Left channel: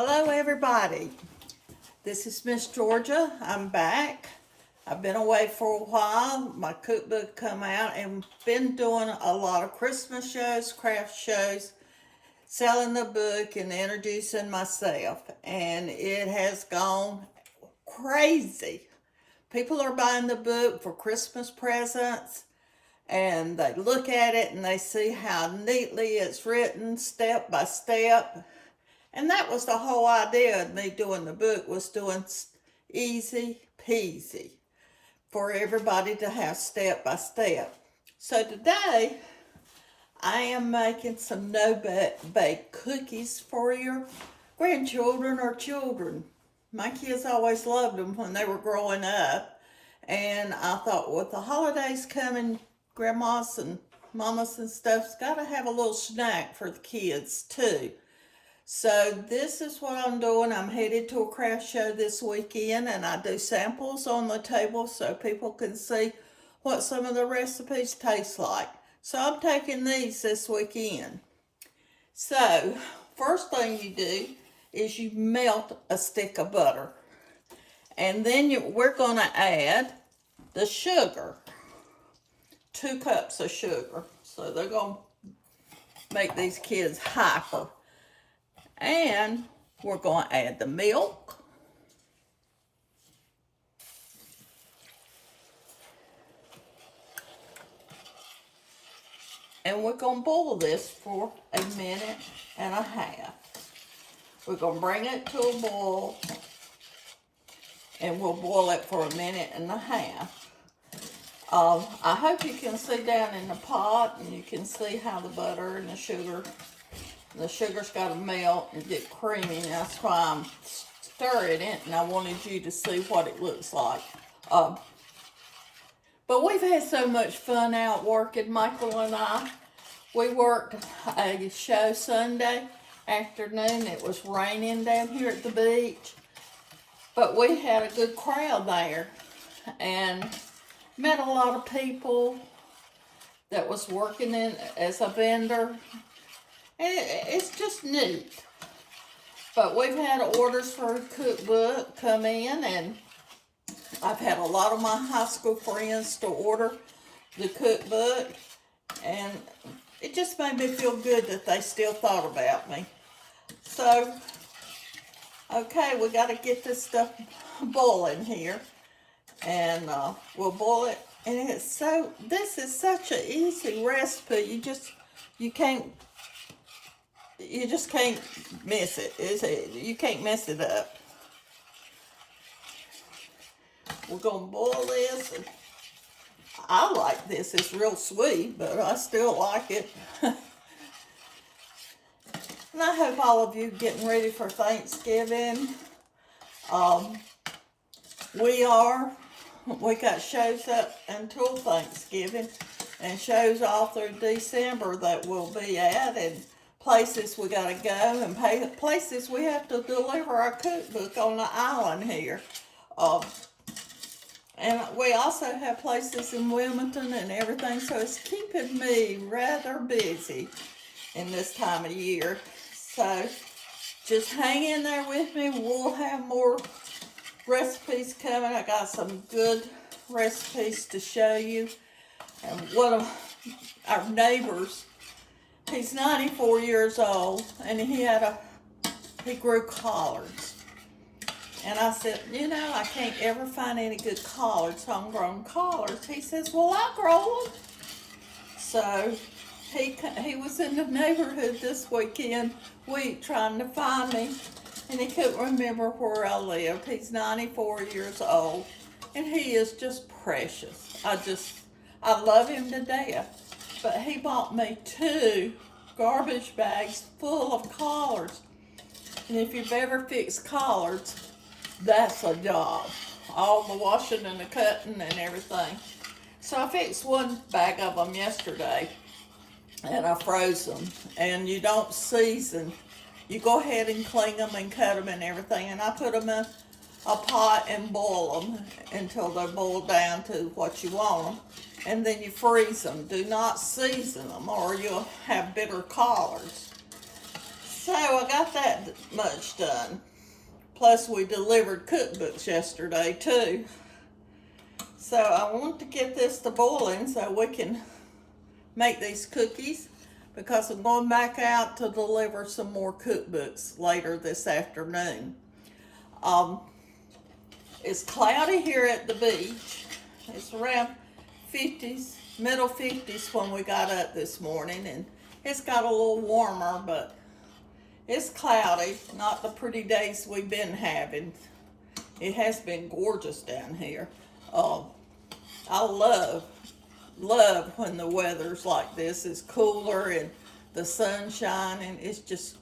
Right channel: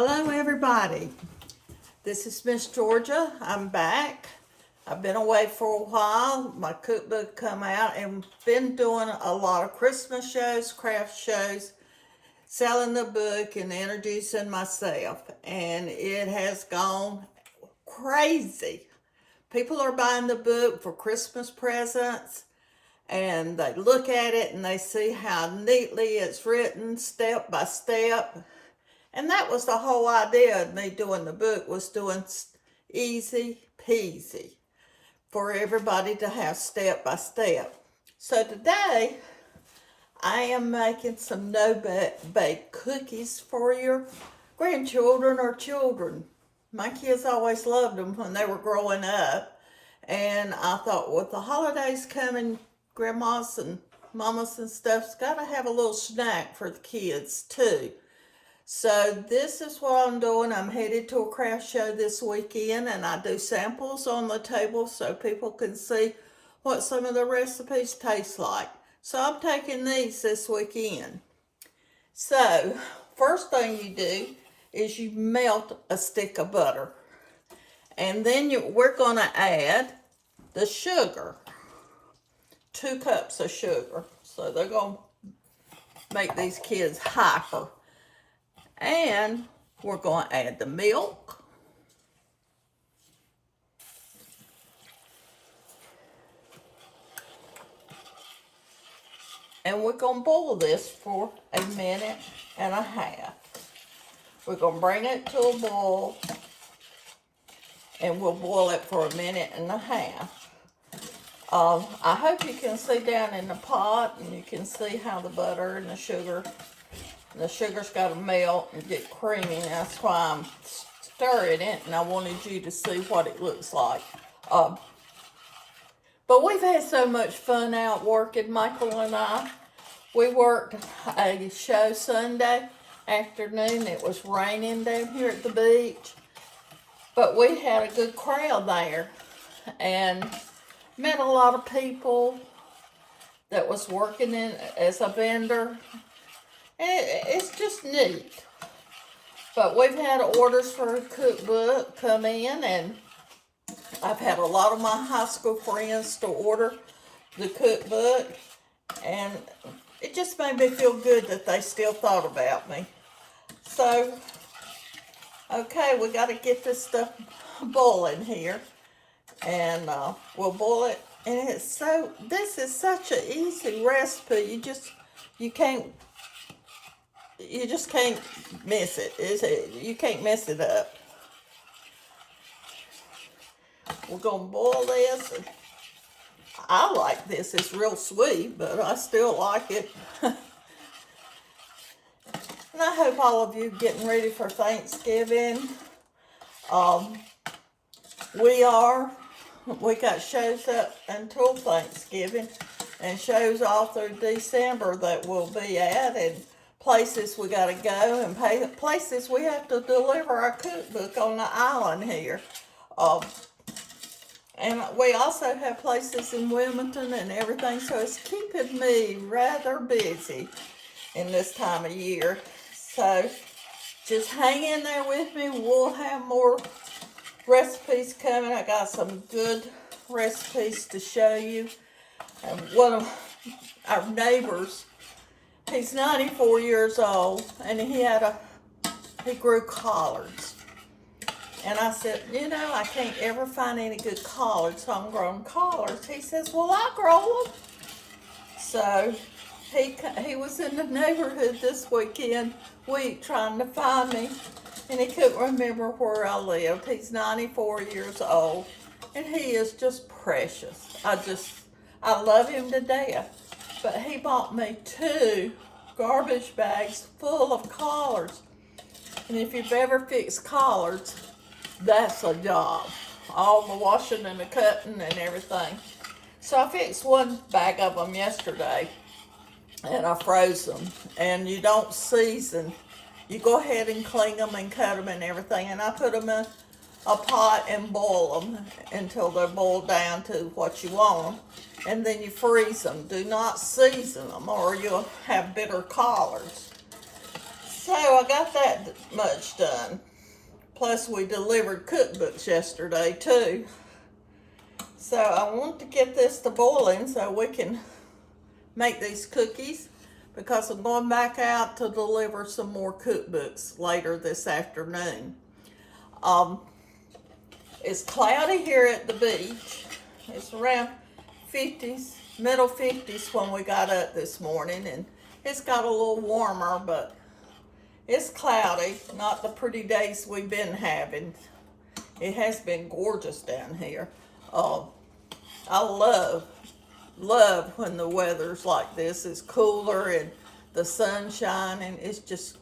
Hello everybody, this is Miss Georgia. I'm back. I've been away for a while. My cookbook come out and been doing a lot of Christmas shows, craft shows, selling the book and introducing myself, and it has gone crazy. People are buying the book for Christmas presents, and they look at it and they see how neatly it's written step by step. And that was the whole idea of me doing the book, was doing easy peasy for everybody to have step by step. So today I am making some no-bake cookies for your grandchildren or children. My kids always loved them when they were growing up. And I thought, with the holidays coming, grandmas and mamas and stuff's got to have a little snack for the kids too. So this is what I'm doing. I'm headed to a craft show this weekend, and I do samples on the table so people can see what some of the recipes taste like. So I'm taking these this weekend. So first thing you do is you melt a stick of butter. And then we're going to add the sugar. 2 cups of sugar. So they're going to make these kids hyper. And we're going to add the milk. And we're going to boil this for 1.5 minutes. We're going to bring it to a boil. And we'll boil it for 1.5 minutes. I hope you can see down in the pot and you can see how the butter and the sugar's got to melt and get creamy. That's why I'm stirring it, and I wanted you to see what it looks like. But we've had so much fun out working, Michael and I. We worked a show Sunday afternoon. It was raining down here at the beach, but we had a good crowd there and met a lot of people that was working in as a vendor. It's just neat. But we've had orders for a cookbook come in, and I've had a lot of my high school friends to order the cookbook, and it just made me feel good that they still thought about me. So, okay, we got to get this stuff boiling here, and we'll boil it. And this is such an easy recipe. You just can't miss it. You can't mess it up. We're going to boil this. I like this. It's real sweet, but I still like it. And I hope all of you getting ready for Thanksgiving. We got shows up until Thanksgiving and shows all through December that we'll be at, and places we got to go, and places we have to deliver our cookbook on the island here. And we also have places in Wilmington and everything, so it's keeping me rather busy in this time of year. So just hang in there with me. We'll have more recipes coming. I got some good recipes to show you. And one of our neighbors, he's 94 years old, and he grew collards. And I said, I can't ever find any good collards, homegrown collards. He says, well, I grow them. So he was in the neighborhood this week trying to find me, and he couldn't remember where I lived. He's 94 years old, and he is just precious. I love him to death. But he bought me 2 garbage bags full of collards. And if you've ever fixed collards, that's a job. All the washing and the cutting and everything. So I fixed 1 bag of them yesterday, and I froze them. And you don't season. You go ahead and clean them and cut them and everything. And I put them in a pot and boil them until they're boiled down to what you want them. And then you freeze them. Do not season them, or you'll have bitter collards. So I got that much done. Plus we delivered cookbooks yesterday too. So I want to get this to boiling so we can make these cookies, because I'm going back out to deliver some more cookbooks later this afternoon. It's cloudy here at the beach. It's around 50s, middle 50s when we got up this morning, and it's got a little warmer, but it's cloudy, not the pretty days we've been having. It has been gorgeous down here. I love when the weather's like this. It's cooler and the sun shining. It's just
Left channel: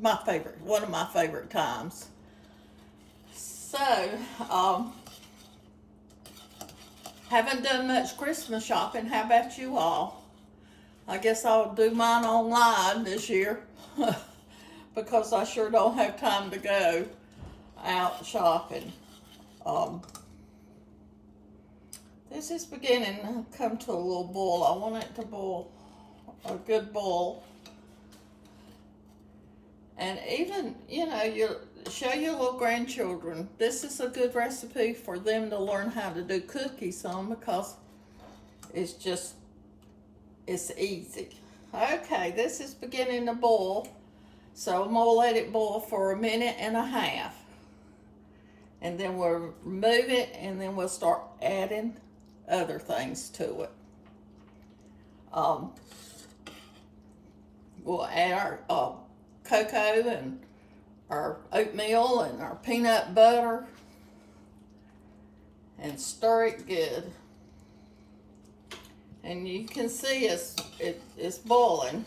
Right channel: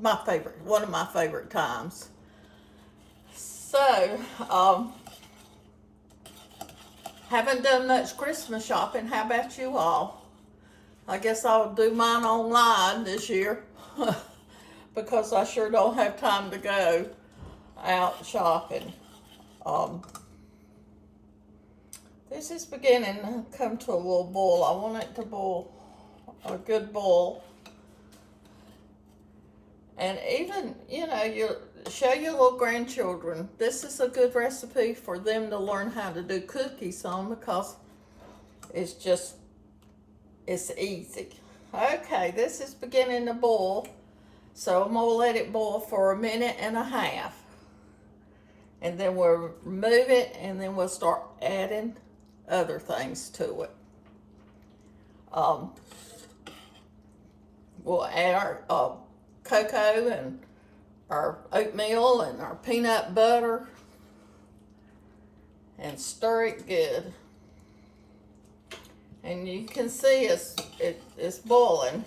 my favorite, one of my favorite times. So, haven't done much Christmas shopping. How about you all? I guess I'll do mine online this year because I sure don't have time to go out shopping. This is beginning to come to a little boil. I want it to boil, a good boil. And even, you know, you show your little grandchildren, this is a good recipe for them to learn how to do cookies on, because it's easy. Okay, this is beginning to boil. So I'm gonna let it boil for a minute and a half. And then we'll remove it, and then we'll start adding other things to it. We'll add our cocoa and our oatmeal and our peanut butter and stir it good. And you can see it's boiling.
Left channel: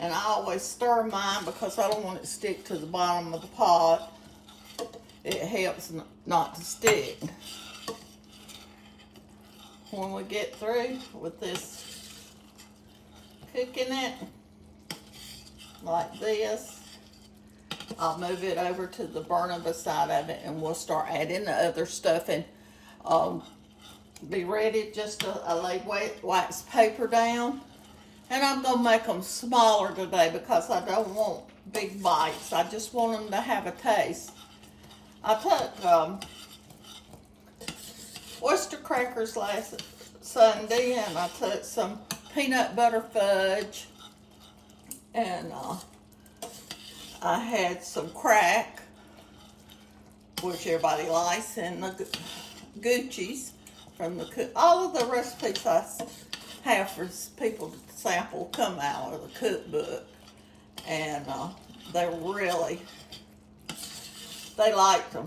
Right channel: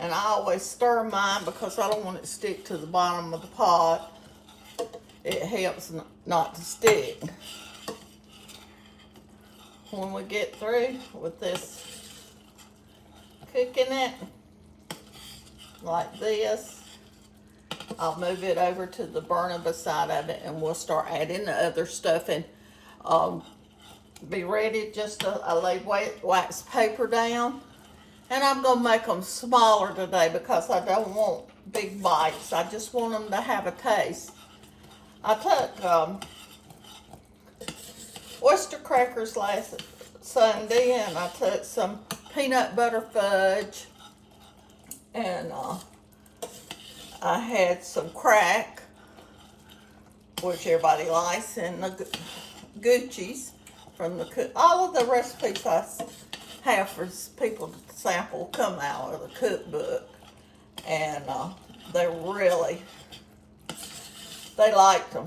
And I always stir mine because I don't want it to stick to the bottom of the pot. It helps not to stick. When we get through with this, cooking it like this, I'll move it over to the burner beside of it, and we'll start adding the other stuff. And be ready just to lay wax paper down. And I'm gonna make them smaller today because I don't want big bites. I just want them to have a taste. I took oyster crackers last Sunday, and I took some peanut butter fudge, and I had some crack, which everybody likes, and the Gucci's from the all of the recipes I have for people to sample come out of the cookbook, and they liked them.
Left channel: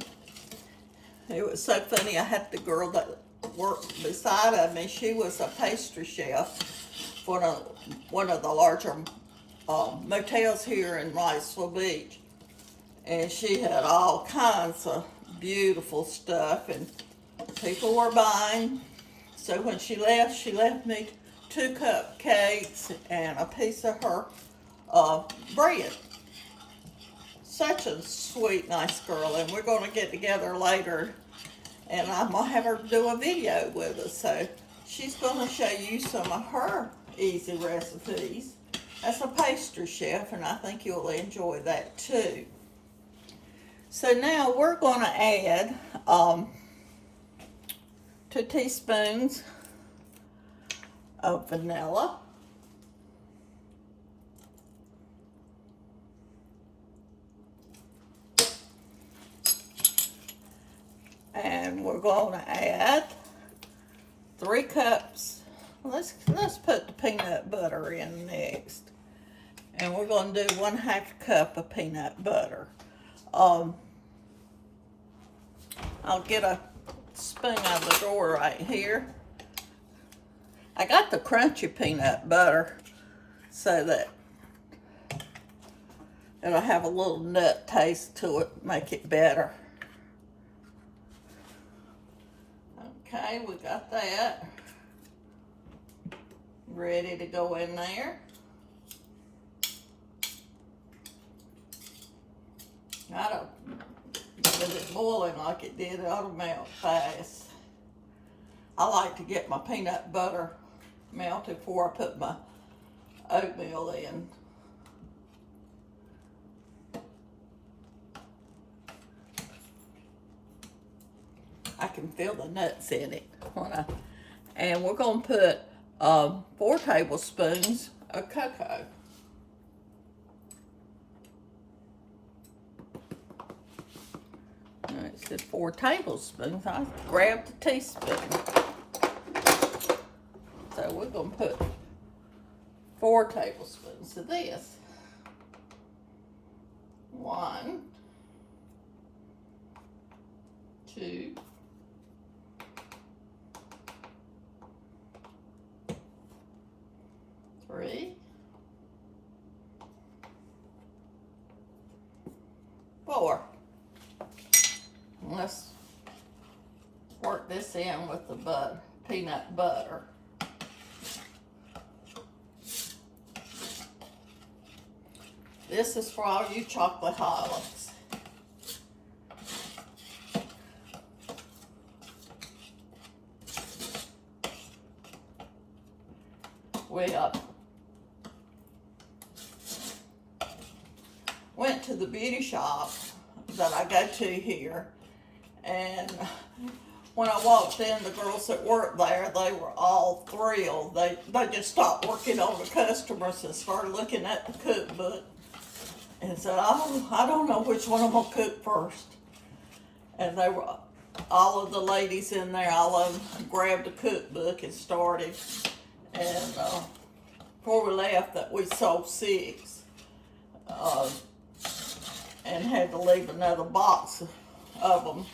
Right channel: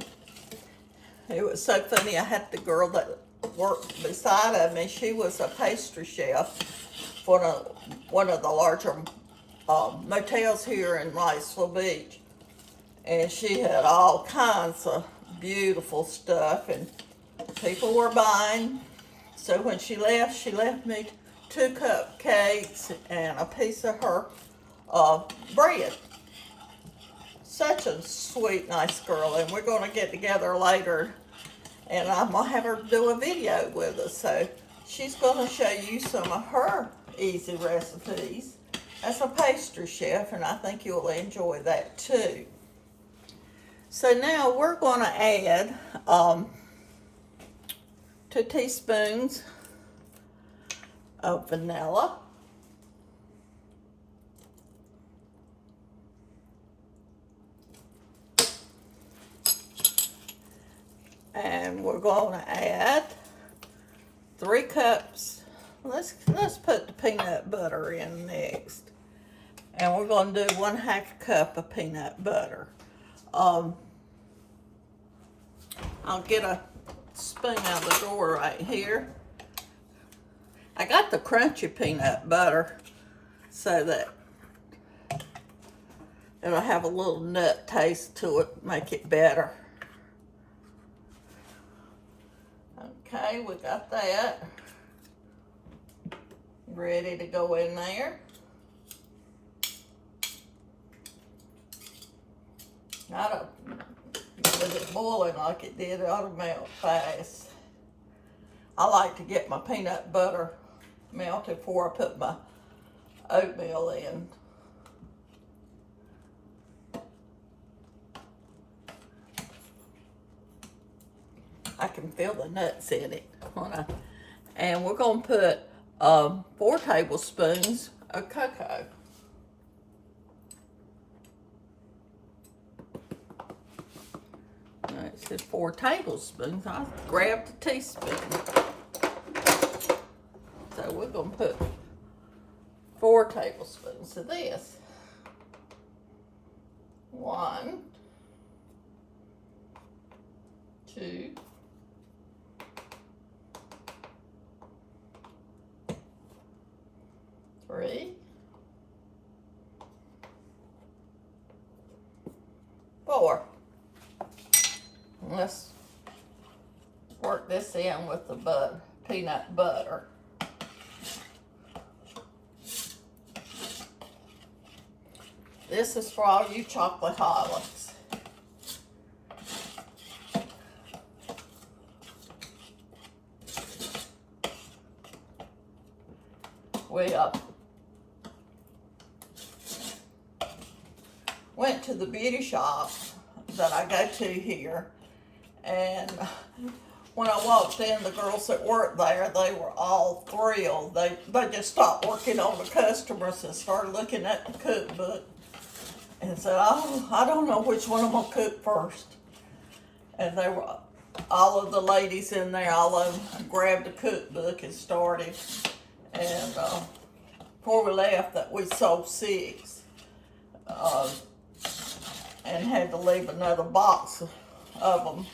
It was so funny. I had the girl that worked beside of me. She was a pastry chef for one of the larger motels here in Riceville Beach, and she had all kinds of beautiful stuff, and people were buying. So when she left me 2 cupcakes and a piece of her bread. Such a sweet, nice girl, and we're going to get together later, and I'm going to have her do a video with us. So she's going to show you some of her easy recipes as a pastry chef, and I think you'll enjoy that too. So now we're going to add 2 teaspoons of vanilla. And we're going to add 3 cups. Let's put the peanut butter in next. And we're going to do 1/2 cup of peanut butter. I'll get a spoon out of the drawer right here. I got the crunchy peanut butter so that it'll have a little nut taste to it, make it better. Okay, we got that ready to go in there. With it boiling like it did, it ought to melt fast. I like to get my peanut butter melted before I put my oatmeal in. can feel the nuts in it. And we're going to put 4 tablespoons of cocoa. It says 4 tablespoons. I grabbed a teaspoon. So we're going to put 4 tablespoons of this. 1, 2, 3, 4. Let's work this in with the peanut butter. This is for all you chocoholics. We went to the beauty shop that I go to here, and when I walked in, the girls that worked there, they were all thrilled. They just stopped working on the customers and started looking at the cookbook and said, "Oh, I don't know which one I'm gonna cook first." And they were, all of the ladies in there, all of them grabbed the cookbook and started. And before we left, that we sold 6, and had to leave another box of them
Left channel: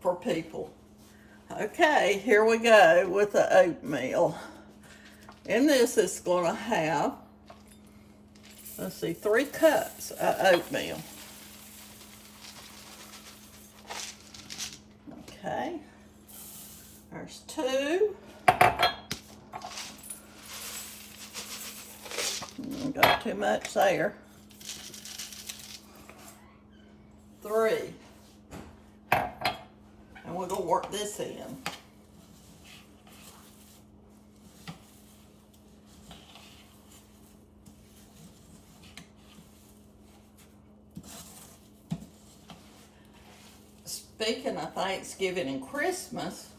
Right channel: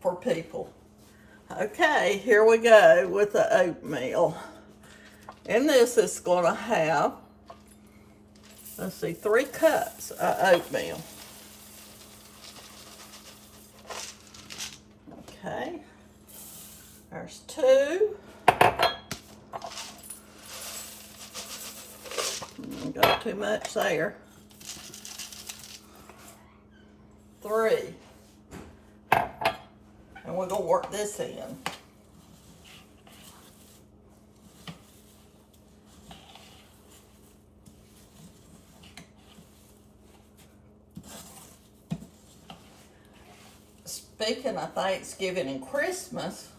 for people. Okay, here we go with the oatmeal. And this is going to have, let's see, 3 cups of oatmeal. Okay, there's 2. Got too much there. 3. And we're going to work this in. Speaking of Thanksgiving and Christmas,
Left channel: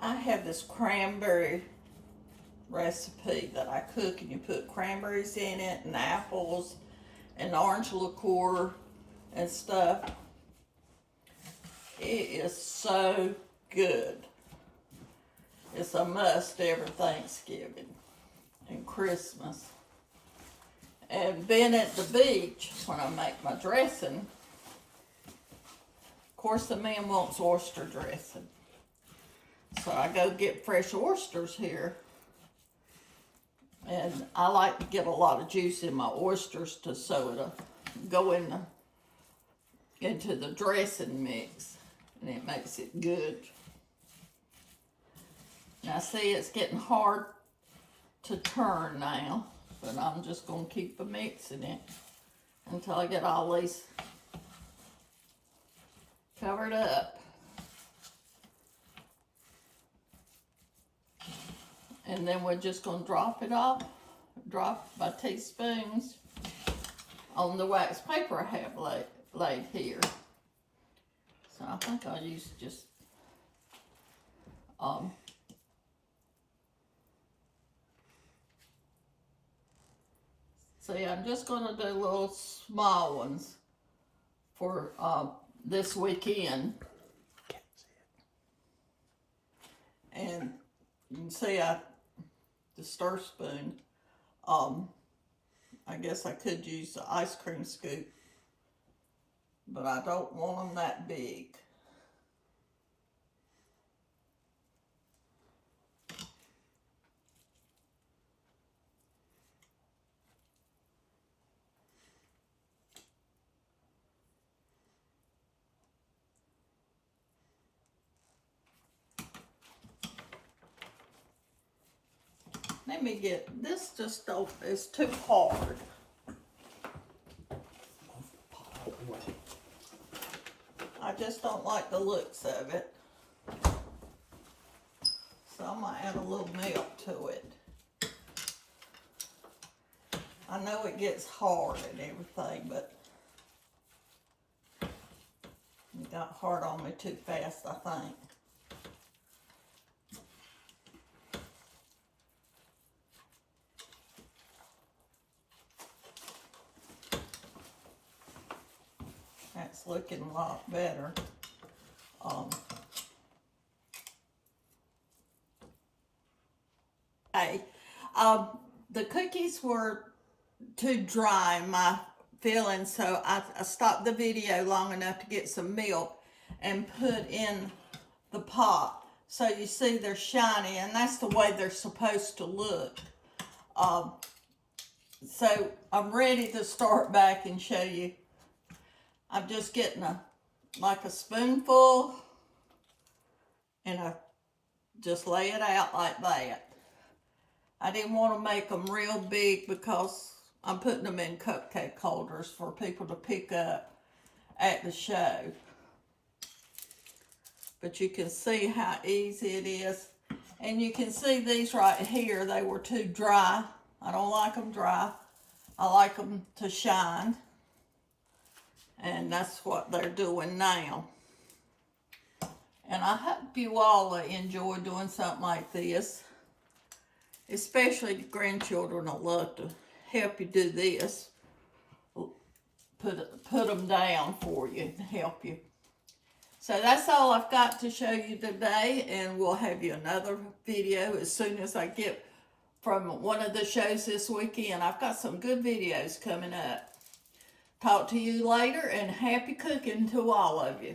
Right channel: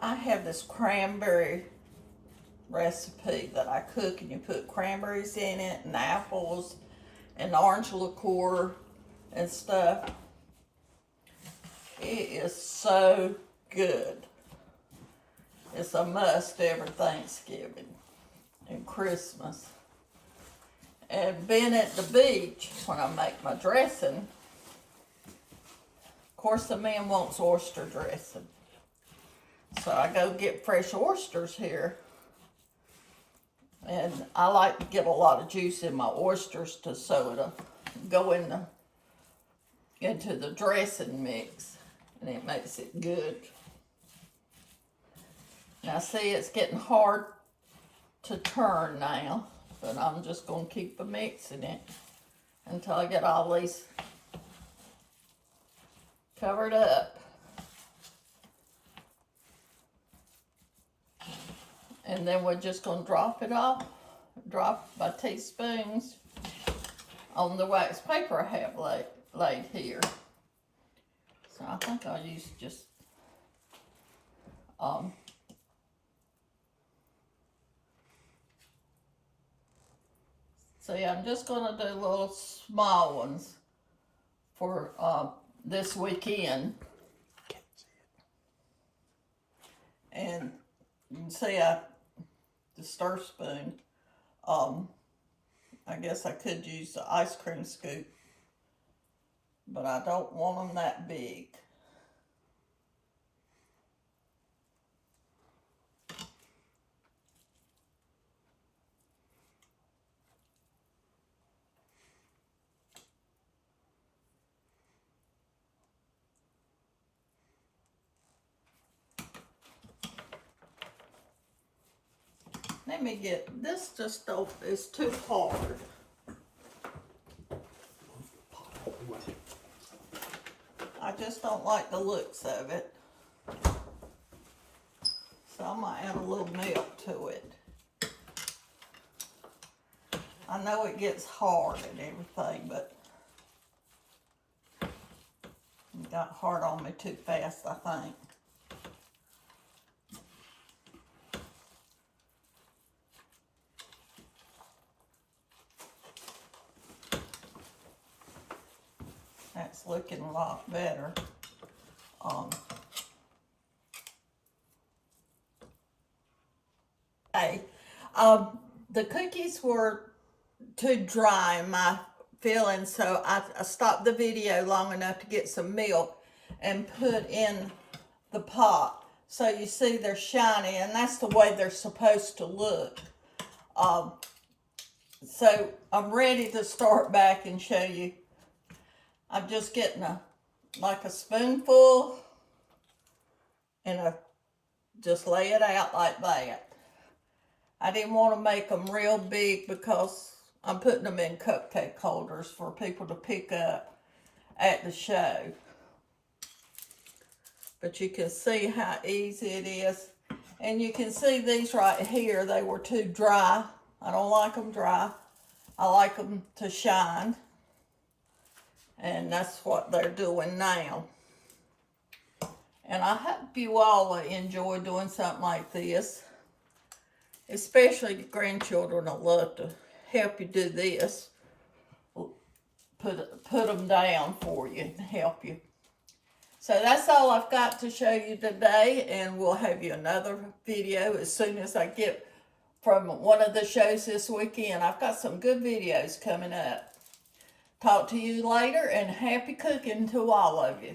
I have this cranberry recipe that I cook, and you put cranberries in it and apples and orange liqueur and stuff. It is so good. It's a must every Thanksgiving and Christmas. And being at the beach, when I make my dressing, of course the man wants oyster dressing. So I go get fresh oysters here. And I like to get a lot of juice in my oysters so it'll go into the dressing mix, and it makes it good. Now see, it's getting hard to turn now, but I'm just going to keep mixing it until I get all these covered up. And then we're just going to drop my teaspoons on the wax paper I have laid here. So I think I'll use just, see, I'm just going to do little small ones for this weekend. And you can see the stir spoon, I guess I could use the ice cream scoop, but I don't want them that big. Let me get, this just don't, it's too hard. I just don't like the looks of it. So I might add a little milk to it. I know it gets hard and everything, but It got hard on me too fast, I think. That's looking a lot better. Hey, the cookies were too dry in my feeling, so I stopped the video long enough to get some milk and put in the pot. So you see they're shiny, and that's the way they're supposed to look. So I'm ready to start back and show you. I'm just getting like a spoonful and just lay it out like that. I didn't want to make them real big because I'm putting them in cupcake holders for people to pick up at the show. But you can see how easy it is. And you can see these right here, they were too dry. I don't like them dry. I like them to shine. And that's what they're doing now. And I hope you all enjoy doing something like this. Especially the grandchildren will love to help you do this. Put them down for you and help you. So that's all I've got to show you today, and we'll have you another video as soon as I get from one of the shows this weekend. I've got some good videos coming up. Talk to you later, and happy cooking to all of you.